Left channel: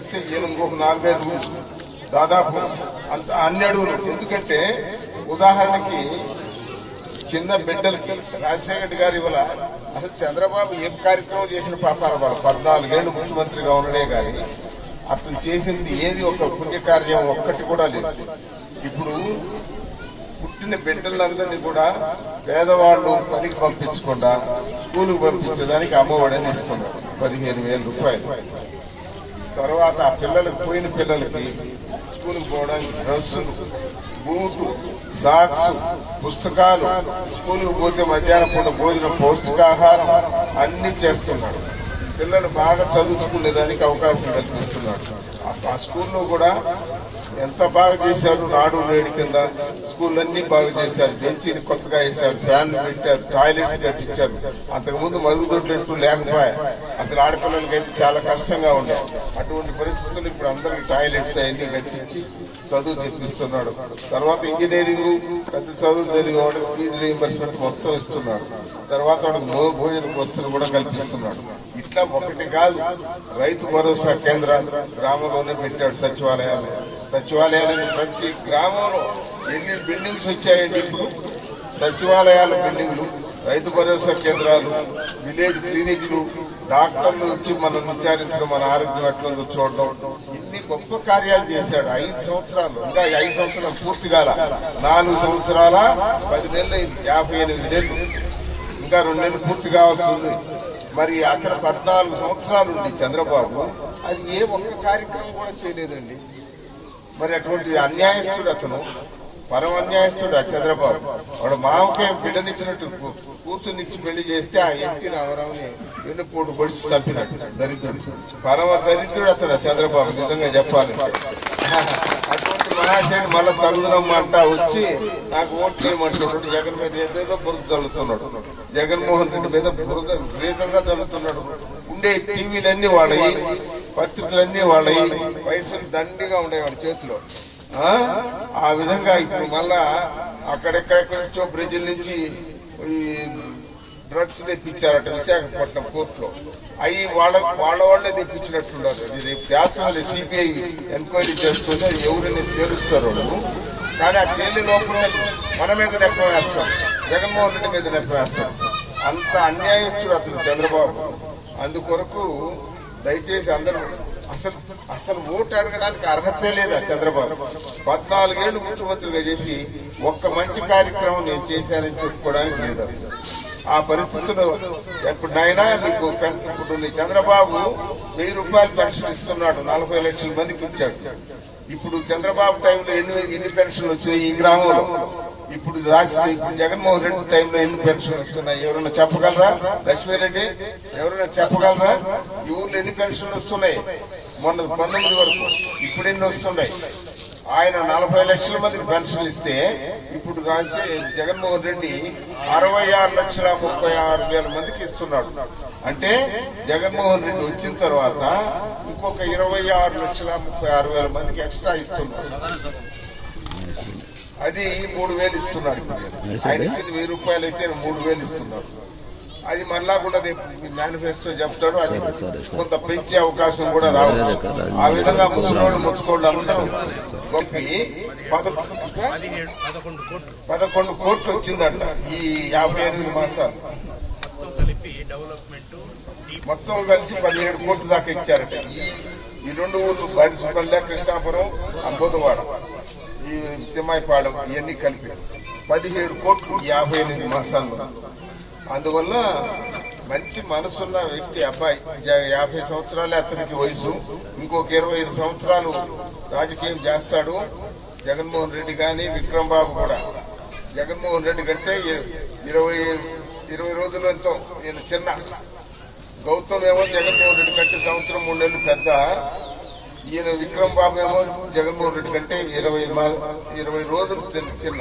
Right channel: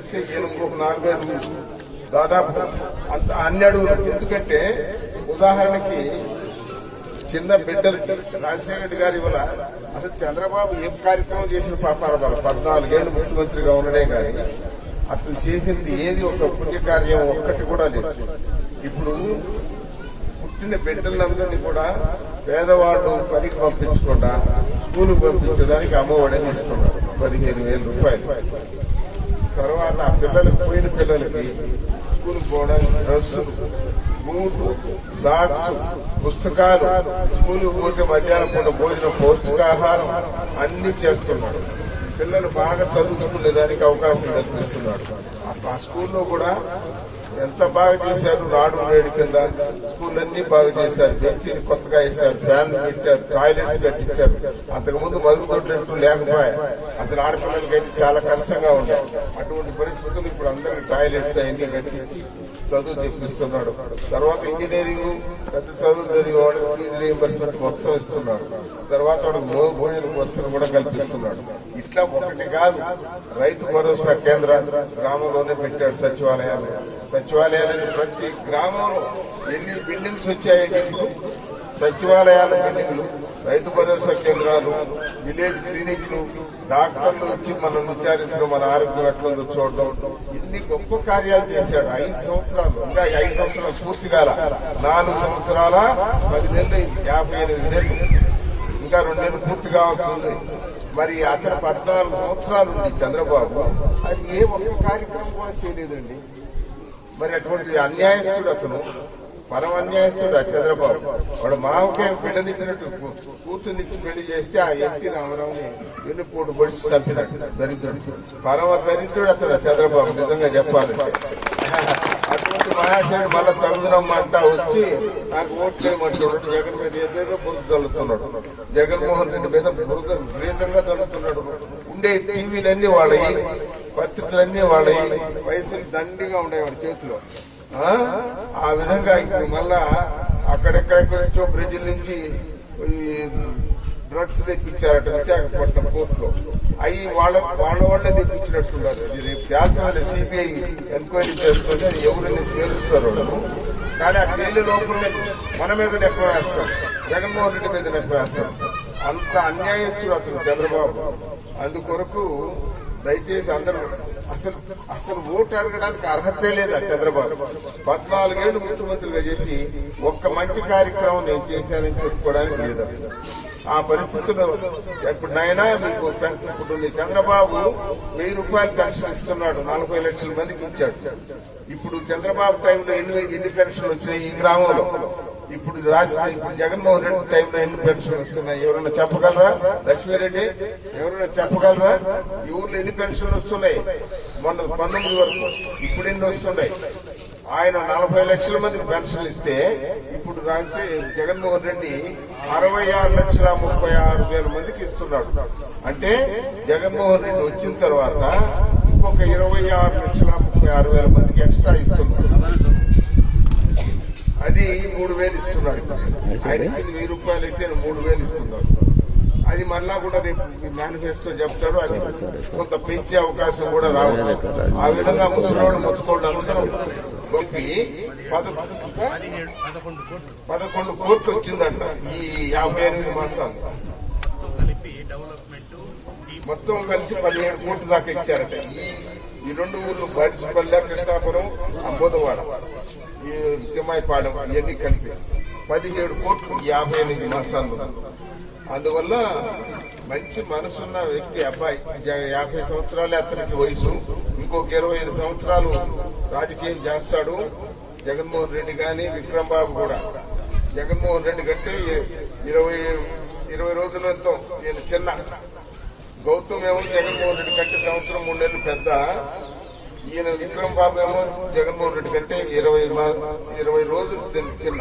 ఇస్తే ఈయన ఇంకొక 4-5 దాదాపు అంత అన్ని అడుగులు. ఎందుకంటే ఉదాహరణకి చిన్న బిడ్డలకి రాజశేఖర రెడ్డి గారి వల్ల అసలు చంద్రబాబు ఏం కార్యక్రమం చేసిన పాపాల వల్ల 14 ఏళ్ళు ముఖ్యమంత్రిగా ఉండడే కానీ అతను చేసింది ఏది ఒక పుణ్యకార్యం ఒక్కటి కూడా లేదు. ఇప్పుడు పుట్టిన బిడ్డలందరినీ కూడా పేదవాళ్ళు పనికి పంపించకుండా స్కూలుకు పంపించడానికి అమ్మఒడని ఇస్తున్నారు 15,000 రూపాయలు. తర్వాత ఆ పిల్లలకు పోయిన పిల్లలకి స్కూలుకు పోవడానికి డ్రెస్సులు, బూట్లు, సాక్స్, పుస్తకాలు, స్కూలుకు పోతే మధ్యాహ్నం పూట భోజనం, పౌష్టికాహారం అన్ని చేస్తున్నాడు. పిల్లలు బాగా చదువుకునేదానికి అవకాశం కల్పిస్తున్నాడు. ఆ స్కూల్లో కూడా ఎంత బాగా చేశారు. నాడు నేడు కింద స్కూళ్ళన్నీ బాగా చేశారు. బెంచీని కొత్తగా వేశారు, ఫ్యాన్లు పెట్టారు, టాయిలెట్స్ కట్టించారు. అంతకుముందు మరుగుదొడ్లంటూ లేకపోయా. అసలు ఆడపిల్లలకైతే చాలా కష్టంగా ఉండే. అటువంటి పరిస్థితులు ఇప్పుడు అందరికి టాయిలెట్స్ అవన్నీ కట్టించి చదువు తెప్పిస్తున్నాడు. తర్వాత ఇంజనీరింగ్ పెద్ద చదువు చదివే వాడికి ఫీజు రీయింబర్స్మెంట్ మొత్తం ఇస్తున్నాడు. తర్వాత వాడికి భోజన వస్తువులు కూడా కల్పిస్తున్నాడు. ఇట్లా ఒకటి కాదు, రైతు భరోసా కేంద్రాలు గ్రామంలోనే పెట్టాడు. సచివాలయాలు ప్రతి గ్రామంలో ఎన్ని బిల్డింగ్స్ వచ్చాయండి ఇప్పుడు. సచివాలయాల బిల్డింగ్లు, రైతు భరోసా కేంద్రాలు, విలేజ్ క్లినిక్లు, డాక్టర్లు వచ్చి మనం విచారించడం, మన ఆరోగ్యం ఎట్లుందో చూడడం, ఇన్ని గొప్ప కార్యాలు చేశాడు. 5 సంవత్సరాలు, ఇంకా 5 సంవత్సరాలు పూర్తి కాల, 4 సంవత్సరాల 10 నెలలు, 58 నెలలు, ఇంకా 2 నెలలు పూర్తి కావాల్సి ఉంది. మరి అతను 14 సంవత్సరాలు ఉండి చంద్రబాబు అది ఏ ఒక్క కార్యక్రమం కూడా చేయలేదండి. మరి అటువంటి అన్యాయస్తుడు అతను, పరమ అన్యాయస్తుడు ఆ చంద్రబాబు. వాడు మామకే బిడ్డనిచ్చినట్టు కూతుర్నిచ్చి పెళ్లి చేస్తే ఆ ఎన్టీ రామారావుని వెన్నుపోటు పొడిచి చంపినట్టు దరిద్రుడు, పరమ దరిద్రుడు అతడు చంద్రబాబు. నిజంగా చెప్పాలంటే అటువంటి మహాశయుడు మళ్ళా తగుదనమ్మంటా వచ్చి నాకు ఓట్లు వేయమంటున్నాడు. జగన్ మీద ఏదేదో బురద చల్లుతున్నాడు. జగన్మోహన్ రెడ్డి మీద బురద విపరీతంగా చల్లుతున్నాడు. ఉండే టీవీలన్నీ వాళ్ళయి, పత్రికలన్నీ వాళ్ళయి, పైసలు దండిగా ఉన్నాయి వాడి చేతిలో. ఆ విధంగా ఇప్పుడు మళ్ళా అక్కడెక్కడెక్కడి నుంచో బ్రెజిల్ నుంచి ఈ డ్రగ్స్ తెప్పించారట విశాఖపట్నం పోర్టులో. అవి వాళ్ళే తెప్పించినట్టున్నారు. అది రేపు చేస్తుంది, సిబిఐ ఎంక్వైరీ చేసుకుంటే ఎవరైనా తేలుస్తారు వాళ్ళు. కానీ ఆ తేలి లోపలే మన మీద నెప్పం వేస్తాం, జగన్మోహన్ రెడ్డి మీద నెప్పం వేస్తాం. అంత అన్యాయస్తుడు అతను చంద్రబాబు. అందుకొరకు దయచేసి అందరూ అసలు ఓటు అడగడానికి అర్హతే లేదు ఆ చంద్రబాబు. 14 ఏళ్లు ముఖ్యమంత్రిగా చేసి ఒక్క మంచి కార్యక్రమం నేను చేశానని చెప్పుకోవడానికి లేదు. ఆ పరిస్థితుల్లో ఇప్పుడు నాయనా మీకు ఇప్పుడు చంద్రబాబు 1000 రూపాయలు పెన్షన్ ఇస్తున్నాడు, 40 లక్షల మందికి ఇచ్చాడు. ఇప్పుడు చంద్రబాబు టైంలో ఎన్ని పెన్షన్లు వచ్చినాయి ఈ గ్రామంలో? ఇప్పుడు జగన్మోహన్ రెడ్డి టైంలో ఎన్ని పెన్షన్లు వస్తున్నాయి ఎవరైనా చెప్పగలరా? లక్ష్మీరెడ్డి ఎవరైనా చెప్పగలరా? ఈ ఊర్లో ఎన్ని పెన్షన్లు వస్తున్నాయి? మొన్న 19 వరకు, ఇప్పుడు ఎన్ని వస్తున్నాయి? ఆయన 40 లక్షల మందికి పెన్షన్లు ఇస్తే ఇప్పుడు జగన్మోహన్ రెడ్డి 66,36,000 మందికి ఇస్తున్నాడు. అంటే జగన్మోహన్ రెడ్డి వచ్చిన తర్వాత ఇంకొక 26,36,000 మందికి ఎక్స్ట్రా ఇస్తున్నాడు. అది 3,000 ఇస్తున్నాడు. ఆయన ఇచ్చిన 1000 రూపాయలు అయితే 3,000 ఇస్తున్నాడు. అది మళ్ళా కూడా రేపు మేనిఫెస్టో చెప్తాడు. అది కొంత పెంచే అవకాశం కూడా రావచ్చు. ఆ విధంగా ముసలివాళ్ళు ముచ్చుకోళ్ళు అందరూ కలిపి 11 కోట్లు వచ్చిందంట ఈ 58 మాసాలు. మొత్తం కలిసి 17 కోట్ల దాకా ఇచ్చారట. ఈ 2 ఊర్లు బాడిసుపల్లె, కృష్ణాపురం, అంబోదవాడ, ఈ తిమ్మాయిపాలెం ఇవన్నీ కలిపి 17 కోట్లు 58 మాసాల్లో. అందువల్ల మంచి మనసున్న వ్యక్తి అబ్బాయి. 50 సంవత్సరాలే అతనికి వయసు. ఇంకొక 25 సంవత్సరాలు రాజకీయం చేస్తాడు జగన్మోహన్ రెడ్డి కానీ విక్రమ్ బాబు కూడా. జగన్మోహన్ రెడ్డి కంటే 20 రోజులు ఎంతో ఈయన చిన్న. గౌతమ్ ఏమో జగన్మోహన్ రెడ్డి కంటే 1 సంవత్సరం 3 నెలలు పెద్ద. ఈయన విక్రమ్ బాబు ఏమో జగన్మోహన్ రెడ్డి కంటే 20 రోజులు చిన్న.